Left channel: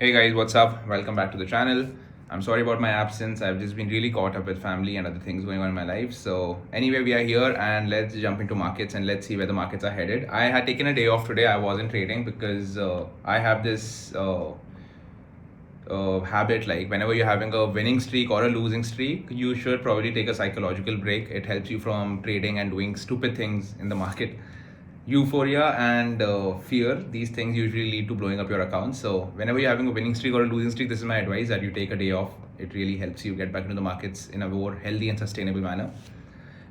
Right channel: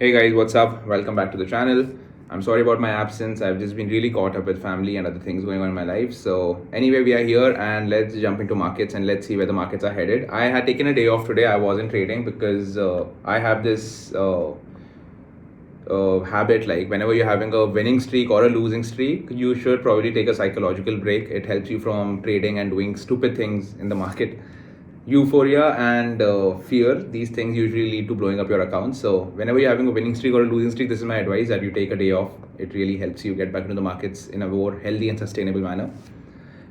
Hey guys, what's up? Welcome back to the channel. I'm sorry about my absence. I've just been really caught up with family and other things going on in my life. So anyway, we are here and let's jump into markets and let's see where the markets are headed. I had taken a day off today. I wasn't trading because I have this habit, like whenever you're having a winning streak or a losing streak, you should probably take a psychological break. It helps you from trading and doing stupid things in the market. Euphoria and fear, these things usually lead to blowing up your account. So whenever you're having a winning streak or a losing streak, this is my advice, that you take a day off. It really helps you get back into the markets in a more healthy and sustainable manner.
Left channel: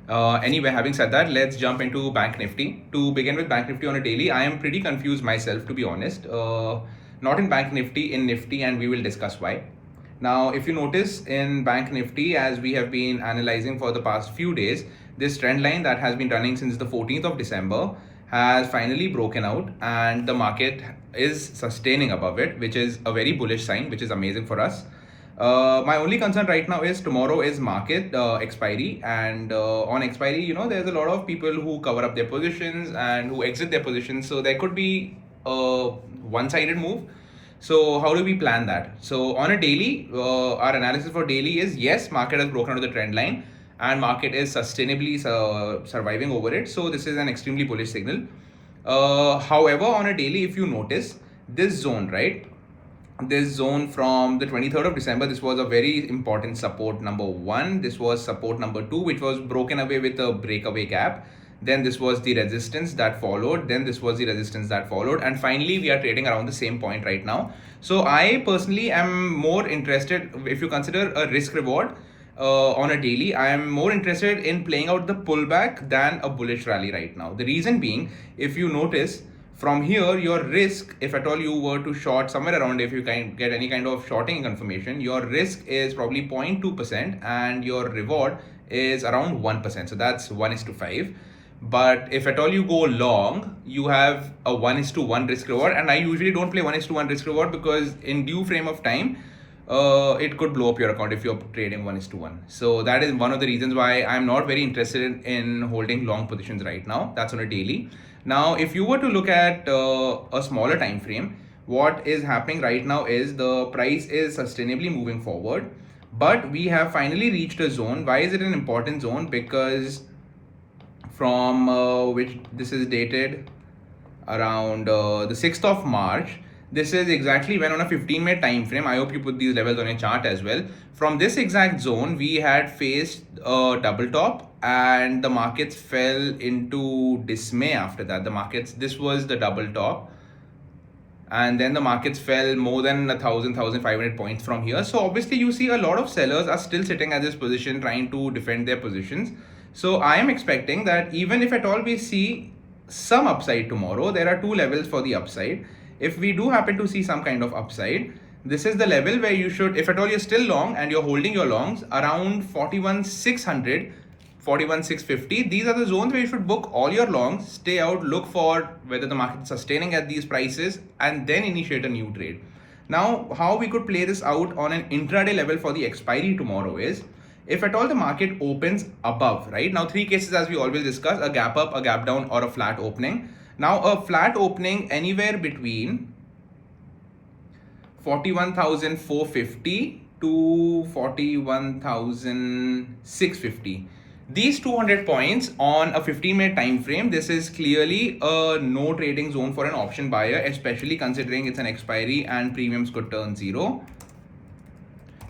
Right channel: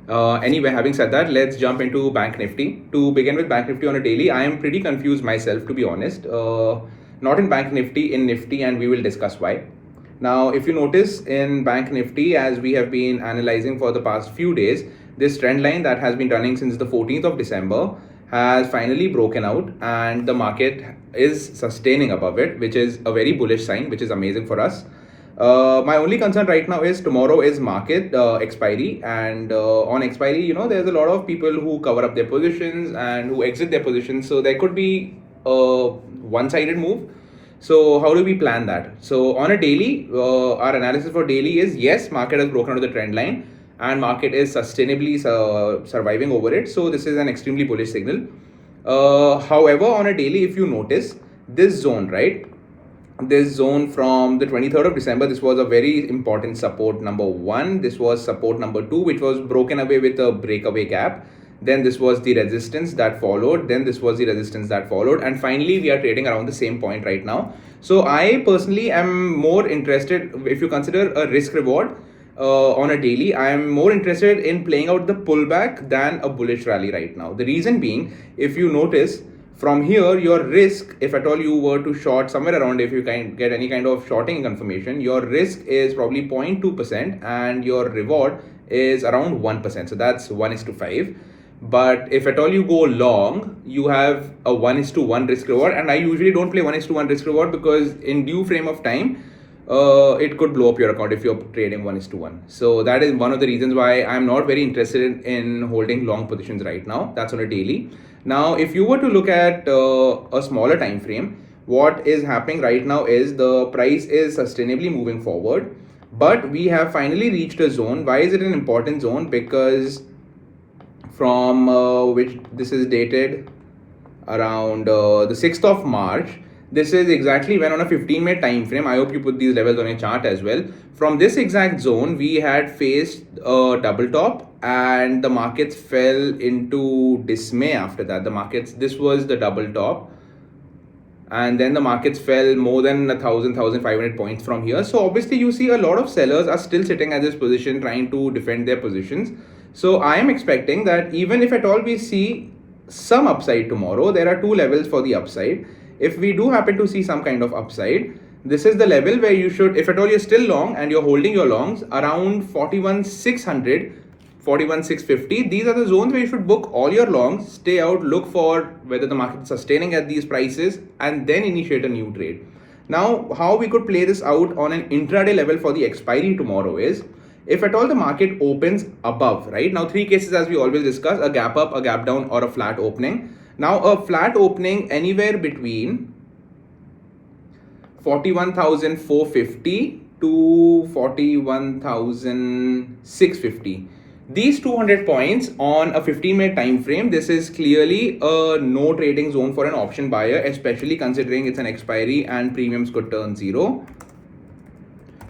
Anyway, having said that, let's jump into Bank Nifty. To begin with Bank Nifty on a daily, I am pretty confused myself, to be honest. Not in Bank Nifty, in Nifty, and we will discuss why. Now, if you notice in Bank Nifty, as we have been analyzing for the past few days, this trend line that has been running since the 14th of December has finally broken out and the market is sustaining above it, which is a very bullish sign, which is amazing for us. My only concern right now is tomorrow is market expiry, and on expiry, there's a lot of people who cover up their positions and who exit their positions, so there could be a one-sided move. So how do we plan that? So on a daily, our analysis for daily is, yes, market has broken out of the trend line and market is sustainably surviving over it. So this is an extremely bullish signal. However, on a daily, if you notice this zone, right? This zone from the 23rd of December, this was a very important support number 1. This was support number 2, which was broken away with a breakaway gap. Then this was the resistance that followed. Then this was the resistance that followed. And finally, we are trading around the same point right now. So I personally am more interested, if you consider a risk reward, on a daily, I am more interested in playing out the pullback than a bullish rally right now. The reason being, if you notice from here, your risk, if at all you were to short somewhere around, if you can get any kind of shorting confirmation, your risk is probably 0.2% and your reward is around 1%. So that's 1:5. But if at all you go long, you have a 1:1 risk reward. And I usually don't play 1:1 risk reward because in due frame of time, it could blow up your account if you're trading 1:1. So that is one of the reasons why I'm not very interested in holding long positions right now. That's on a daily. Now, if you were to look at a smaller time frame, what is happening right now is the price is sustainably moving forward, but we have finally reached a zone. Why is it an important zone? Because from which this is dated around the 6th of March. This is exactly when on a 15-minute time frame, I hope you put these levels on a chart as well. From this exact zone, we had faced a double top and the markets fell into dismay after that. This was the double top. And then the markets fell more than 1,500 points from here. So obviously you see a lot of sellers are still sitting at this position trying to defend their positions. So I am expecting that even if at all we see some upside tomorrow, there are two levels for the upside. If we do happen to see some kind of upside, this is the level where you should, if at all you're still long and you're holding your longs around 41,600, 41,650, these are the zones where you should book all your longs, stay out, look for whether the market is sustaining at these prices, and then initiate a new trade. Now, how we could play this out on an intraday level for the expiry tomorrow is, if at all the market opens above, right? Now, three cases as we always discuss: a gap up, a gap down, or a flat opening. Now, a flat opening anywhere between 41,450 to 41,650. These 200 points on a 15-minute time frame, this is clearly a no trading zone for an option buyer, especially considering it's an expiry and premiums could turn zero.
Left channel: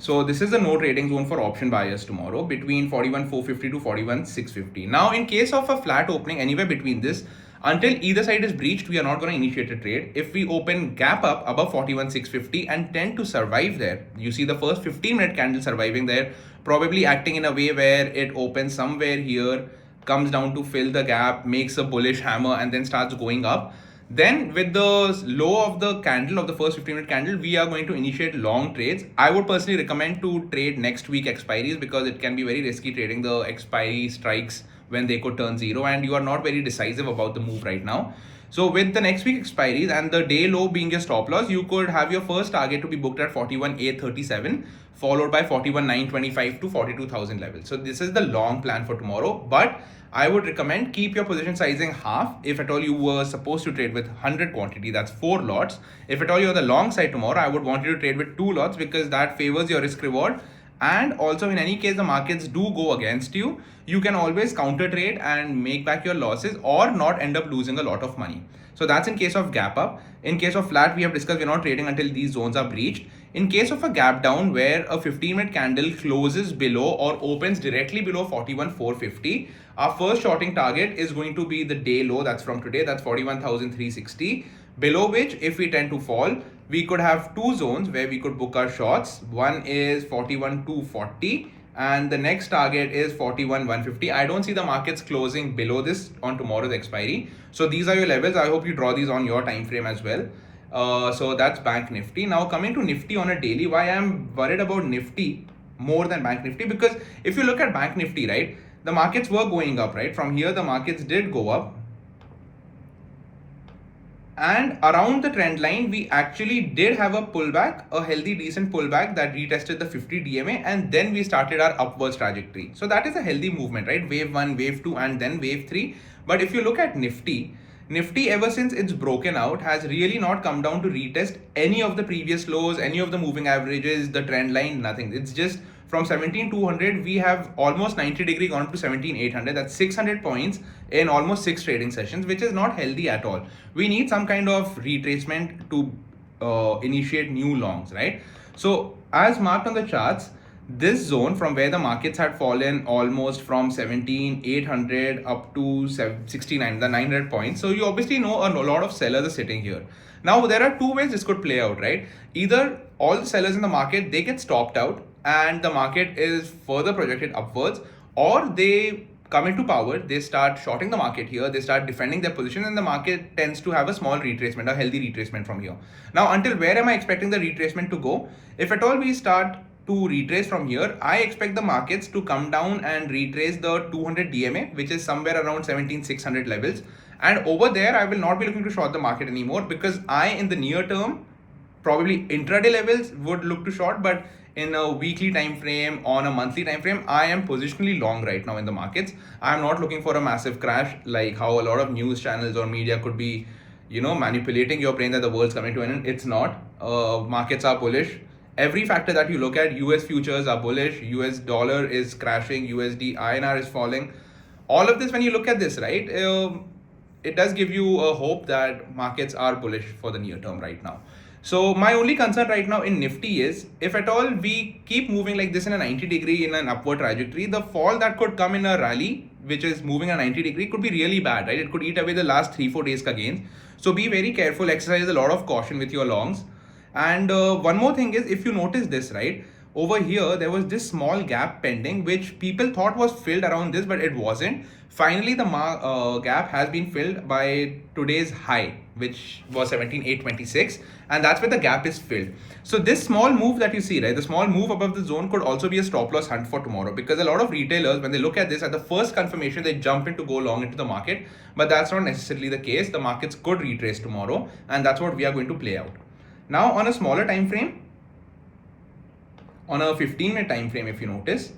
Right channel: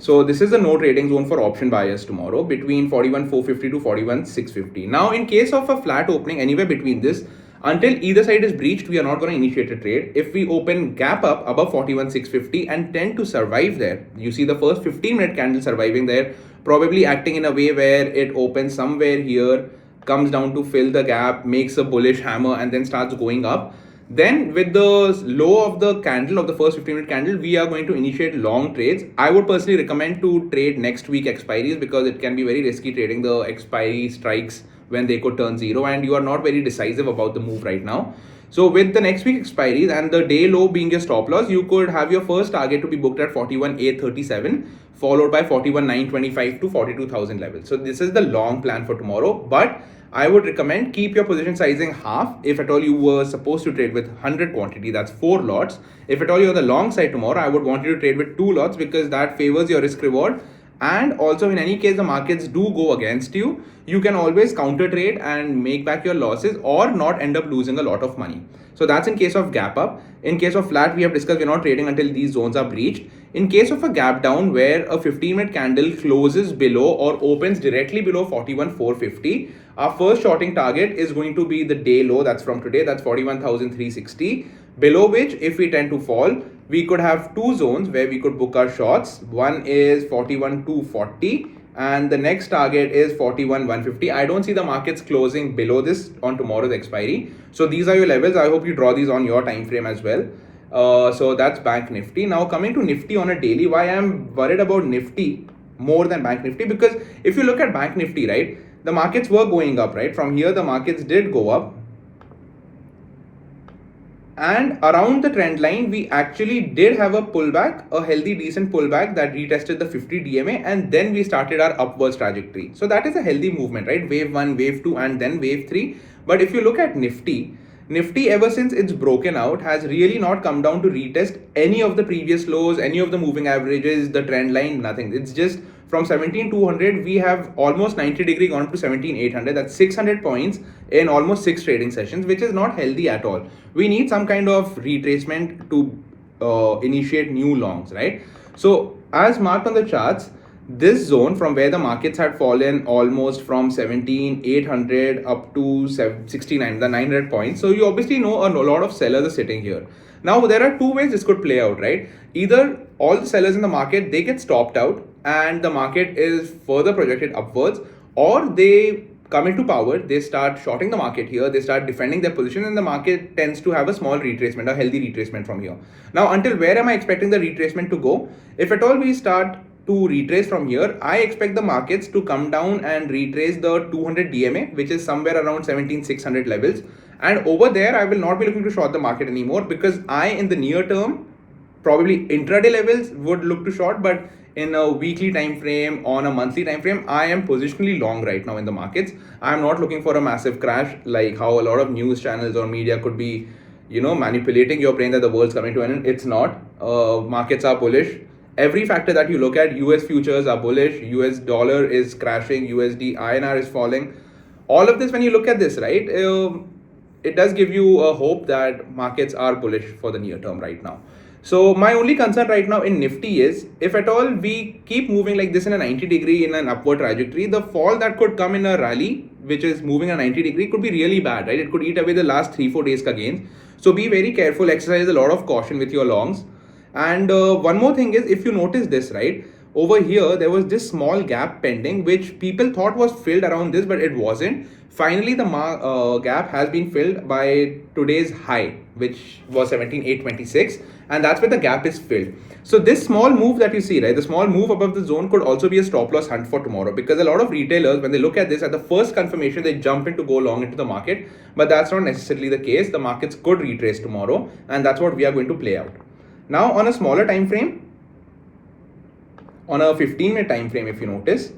So this is the no trading zone for option buyers tomorrow between 41,450 to 41,650. Now, in case of a flat opening anywhere between this, until either side is breached, we are not going to initiate a trade. If we open gap up above 41,650 and tend to survive there, you see the first 15-minute candle surviving there, probably acting in a way where it opens somewhere here, comes down to fill the gap, makes a bullish hammer, and then starts going up. Then with the low of the candle, of the first 15-minute candle, we are going to initiate long trades. I would personally recommend to trade next week expiries because it can be very risky trading the expiry strikes when they could turn zero and you are not very decisive about the move right now. So with the next week expiries and the day low being your stop loss, you could have your first target to be booked at 41,837, followed by 41,925 to 42,000 levels. So this is the long plan for tomorrow. But I would recommend keep your position sizing half. If at all you were supposed to trade with 100 quantity, that's 4 lots. If at all you're on the long side tomorrow, I would want you to trade with 2 lots because that favors your risk reward. And also, in any case the markets do go against you, you can always counter trade and make back your losses or not end up losing a lot of money. So that's in case of gap up. In case of flat, we have discussed we're not trading until these zones are breached. In case of a gap down where a 15-minute candle closes below or opens directly below 41,450, our first shorting target is going to be the day low, that's from today, that's 41,360, below which if we tend to fall, we could have 2 zones where we could book our shots. One is 41,240 and the next target is 41,150. I don't see the markets closing below this on tomorrow's expiry. So these are your levels. I hope you draw these on your time frame as well. So that's Bank Nifty. Now coming to Nifty on a daily, why I'm worried about Nifty more than Bank Nifty, because if you look at Bank Nifty, right, the markets were going up, right? From here the markets did go up. And around the trend line, we actually did have a pullback, a healthy, decent pullback that retested the 50 DMA, and then we started our upwards trajectory. So that is a healthy movement, right? Wave 1, wave 2, and then wave 3. But if you look at Nifty ever since it's broken out has really not come down to retest any of the previous lows, any of the moving averages, the trend line, nothing. It's just from 17,200, we have almost 90 degree gone up to 17,800. That's 600 points in almost 6 trading sessions, which is not healthy at all. We need some kind of retracement to initiate new longs, right? So as marked on the charts, this zone from where the markets had fallen almost from 17,800 up to 69, the 900 points. So you obviously know a lot of sellers are sitting here. Now there are 2 ways this could play out, right? Either all the sellers in the market, they get stopped out and the market is further projected upwards, or they come into power, they start shorting the market here, they start defending their position, and the market tends to have a small retracement, a healthy retracement from here. Now until where am I expecting the retracement to go? If at all we start to retrace from here, I expect the markets to come down and retrace the 200 DMA, which is somewhere around 17,600 levels. And over there, I will not be looking to short the market anymore, because I, in the near term, probably intraday levels would look to short, but in a weekly time frame, on a monthly time frame, I am positionally long right now in the markets. I'm not looking for a massive crash like how a lot of news channels or media could be, manipulating your brain that the world's coming to an end. It's not. Markets are bullish. Every factor that you look at, US futures are bullish, US dollar is crashing, USD INR is falling. All of this, when you look at this, right, it does give you a hope that markets are bullish for the near term right now. So my only concern right now in Nifty is, if at all we keep moving like this in a 90 degree in an upward trajectory, the fall that could come in a rally, which is moving a 90 degree, could be really bad, right? It could eat away the last 3-4 days ka gains. So be very careful, exercise a lot of caution with your longs. And one more thing is, if you notice this, right, over here there was this small gap pending which people thought was filled around this, but it wasn't. Finally the gap has been filled by today's high, which was 17,826, and that's where the gap is filled. So this small move that you see, right, the small move above the zone could also be a stop loss hunt for tomorrow, because a lot of retailers, when they look at this at the first confirmation, they jump in to go long into the market, but that's not necessarily the case. The markets could retrace tomorrow, and that's what we are going to play out. Now on a smaller time frame, on a 15-minute time frame, if you notice,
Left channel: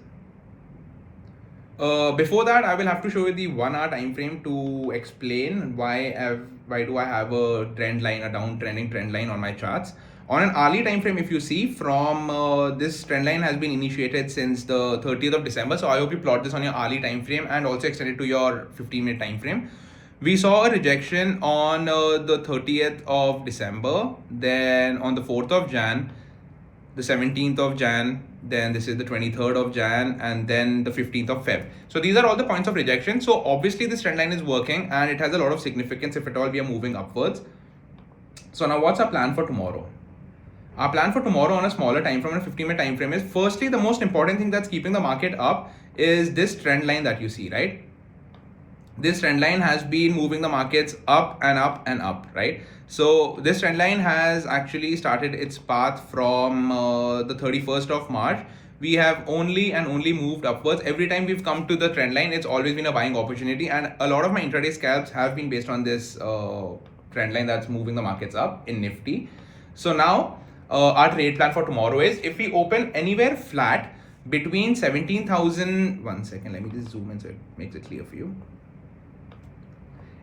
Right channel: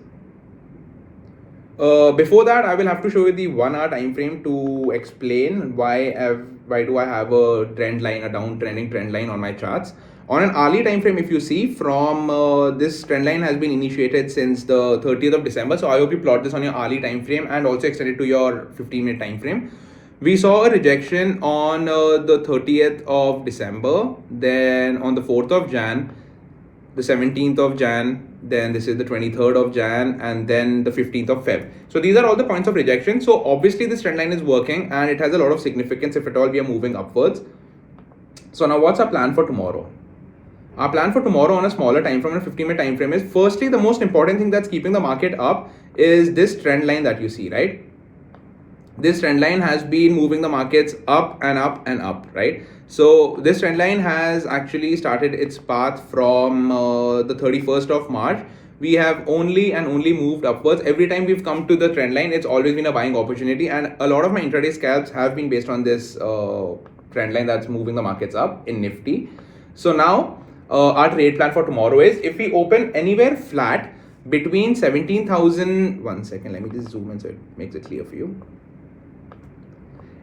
before that I will have to show you the 1 hour time frame to explain why do I have a trend line, a downtrending trend line on my charts. On an hourly time frame, if you see, from this trend line has been initiated since the 30th of December. So I hope you plot this on your hourly time frame and also extend it to your 15-minute time frame. We saw a rejection on the 30th of December, then on the 4th of Jan, the 17th of Jan, then this is the 23rd of Jan, and then the 15th of Feb. So these are all the points of rejection. So obviously this trend line is working and it has a lot of significance if at all we are moving upwards. So now what's our plan for tomorrow? Our plan for tomorrow on a smaller time frame, on a 15-minute time frame, is firstly the most important thing that's keeping the market up is this trend line that you see, right? This trend line has been moving the markets up and up and up, right? So this trend line has actually started its path from the 31st of March. We have only moved upwards. Every time we've come to the trend line, it's always been a buying opportunity, and a lot of my intraday scalps have been based on this trend line that's moving the markets up in Nifty. So now our trade plan for tomorrow is, if we open anywhere flat between 17,000, one second, let me just zoom in so it makes it clear for you.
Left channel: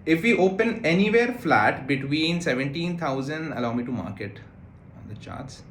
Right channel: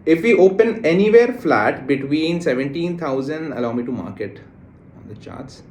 If we open anywhere flat between 17,000, allow me to mark it on the charts.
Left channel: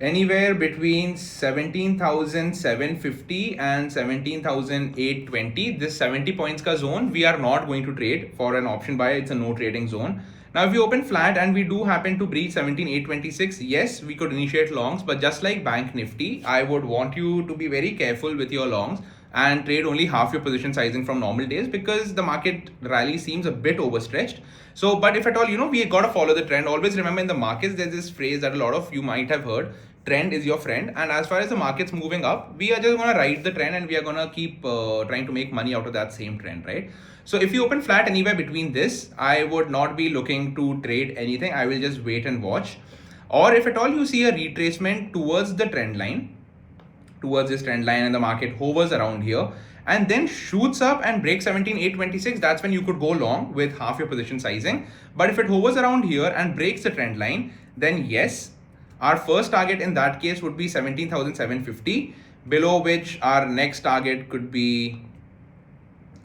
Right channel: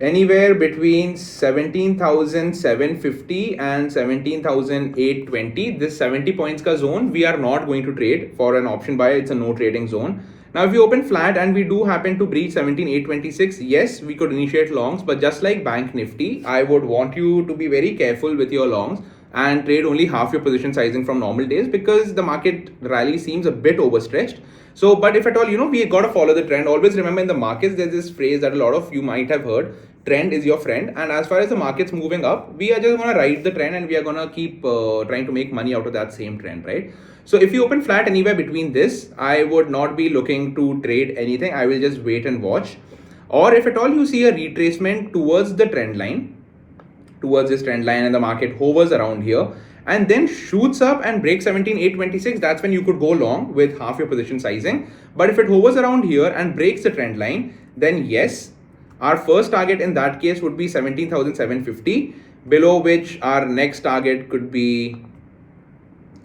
Anywhere between 17,750 and 17,820, this 70 points ka zone, we are not going to trade for an option buy. It's a no trading zone. Now, if we open flat and we do happen to breach 17,826, yes, we could initiate longs, but just like Banknifty, I would want you to be very careful with your longs and trade only half your position sizing from normal days, because the market rally seems a bit overstretched. So, but if at all, we got to follow the trend. Always remember, in the markets, there's this phrase that a lot of you might have heard: trend is your friend. And as far as the market's moving up, we are just going to ride the trend and we are going to keep trying to make money out of that same trend, right? So if you open flat anywhere between this, I would not be looking to trade anything. I will just wait and watch. Or if at all you see a retracement towards the trend line, towards this trend line, and the market hovers around here and then shoots up and breaks 17,826, that's when you could go long with half your position sizing. But if it hovers around here and breaks the trend line, then yes, our first target in that case would be 17,750, below which our next target could be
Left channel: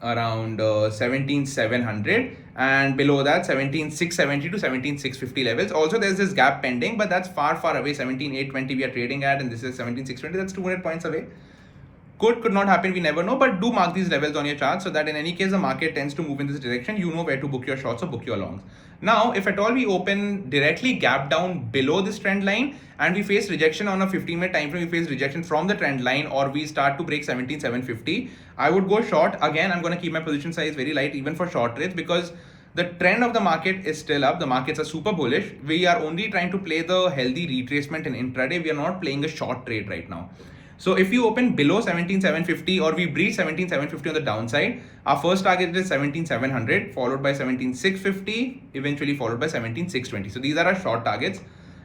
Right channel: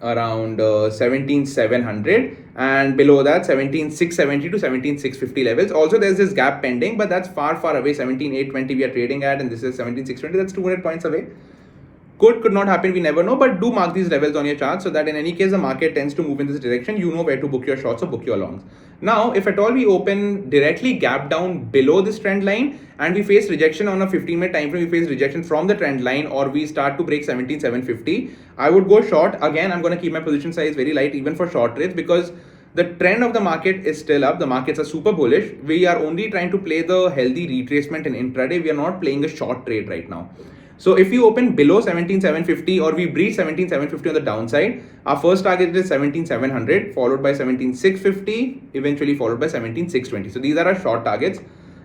around 17,700, and below that 17,670 to 17,650 levels. Also, there's this gap pending, but that's far away. 17,820 we are trading at, and this is 17,620. That's 200 points away. Could not happen, we never know, but do mark these levels on your chart so that in any case the market tends to move in this direction, you know where to book your shorts or book your longs. Now, if at all we open directly gap down below this trend line and we face rejection on a 15-minute time frame, we face rejection from the trend line, or we start to break 17,750, I would go short. Again, I'm going to keep my position size very light even for short trades, because the trend of the market is still up. The markets are super bullish. We are only trying to play the healthy retracement in intraday. We are not playing a short trade right now. So if you open below 17,750 or we breach 17,750 on the downside, our first target is 17,700, followed by 17,650, eventually followed by 17,620. So these are our short targets.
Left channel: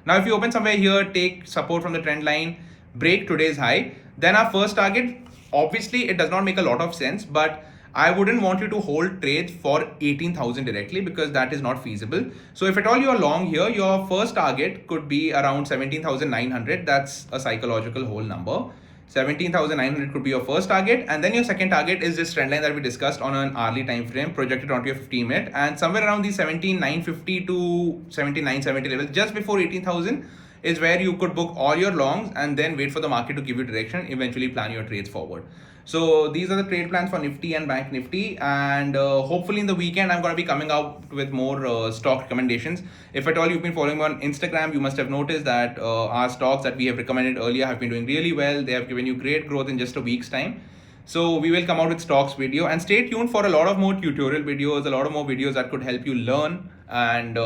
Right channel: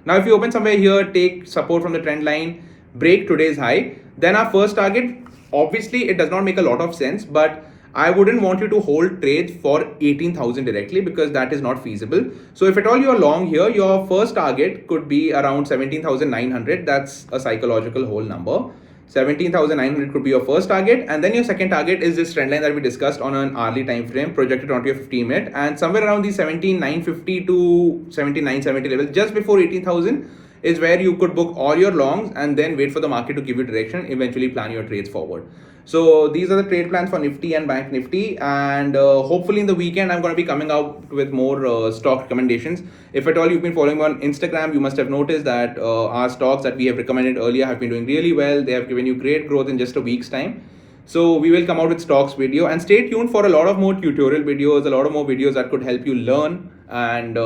Now, if you open somewhere here, take support from the trend line, break today's high, then our first target, obviously it does not make a lot of sense, but I wouldn't want you to hold trades for 18,000 directly, because that is not feasible. So if at all you're long here, your first target could be around 17,900. That's a psychological whole number. 17,900 could be your first target, and then your second target is this trend line that we discussed on an hourly time frame projected onto your 15-minute, and somewhere around the 17,950 to 17,970 levels, just before 18,000, is where you could book all your longs and then wait for the market to give you direction, eventually plan your trades forward. So these are the trade plans for Nifty and Banknifty, and hopefully in the weekend I'm going to be coming out with more stock recommendations. If at all you've been following me on Instagram, you must have noticed that our stocks that we have recommended earlier have been doing really well. They have given you great growth in just a week's time. So we will come out with stocks video, and stay tuned for a lot of more tutorial videos, a lot of more videos that could help you learn and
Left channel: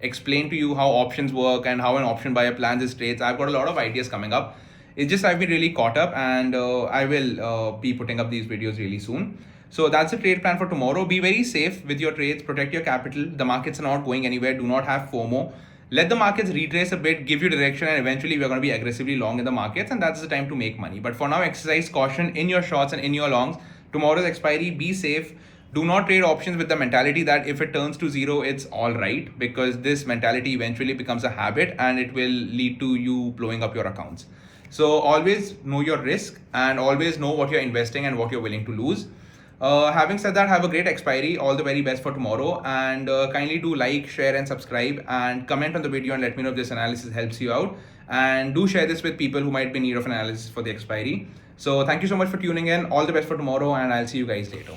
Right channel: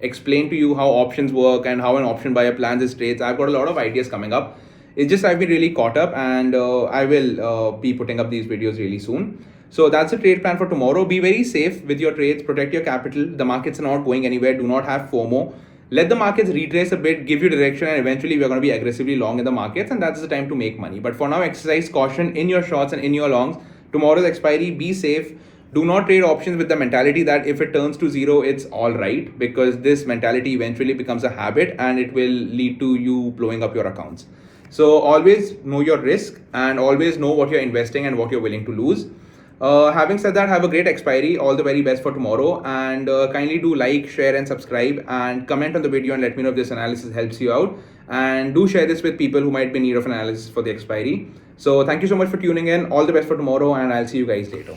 explain to you how options work and how an option buyer plans his trades. I've got a lot of ideas coming up. It's just I've been really caught up, and I will be putting up these videos really soon. So that's a trade plan for tomorrow. Be very safe with your trades, protect your capital. The markets are not going anywhere. Do not have FOMO. Let the markets retrace a bit, give you direction, and eventually we're going to be aggressively long in the markets, and that's the time to make money. But for now, exercise caution in your shorts and in your longs. Tomorrow's expiry, be safe. Do not trade options with the mentality that if it turns to zero, it's all right, because this mentality eventually becomes a habit and it will lead to you blowing up your accounts. So always know your risk and always know what you're investing and what you're willing to lose. Having said that, have a great expiry. All the very best for tomorrow, and kindly do like, share and subscribe, and comment on the video and let me know if this analysis helps you out, and do share this with people who might be in need of analysis for the expiry. So thank you so much for tuning in. All the best for tomorrow, and I'll see you guys later.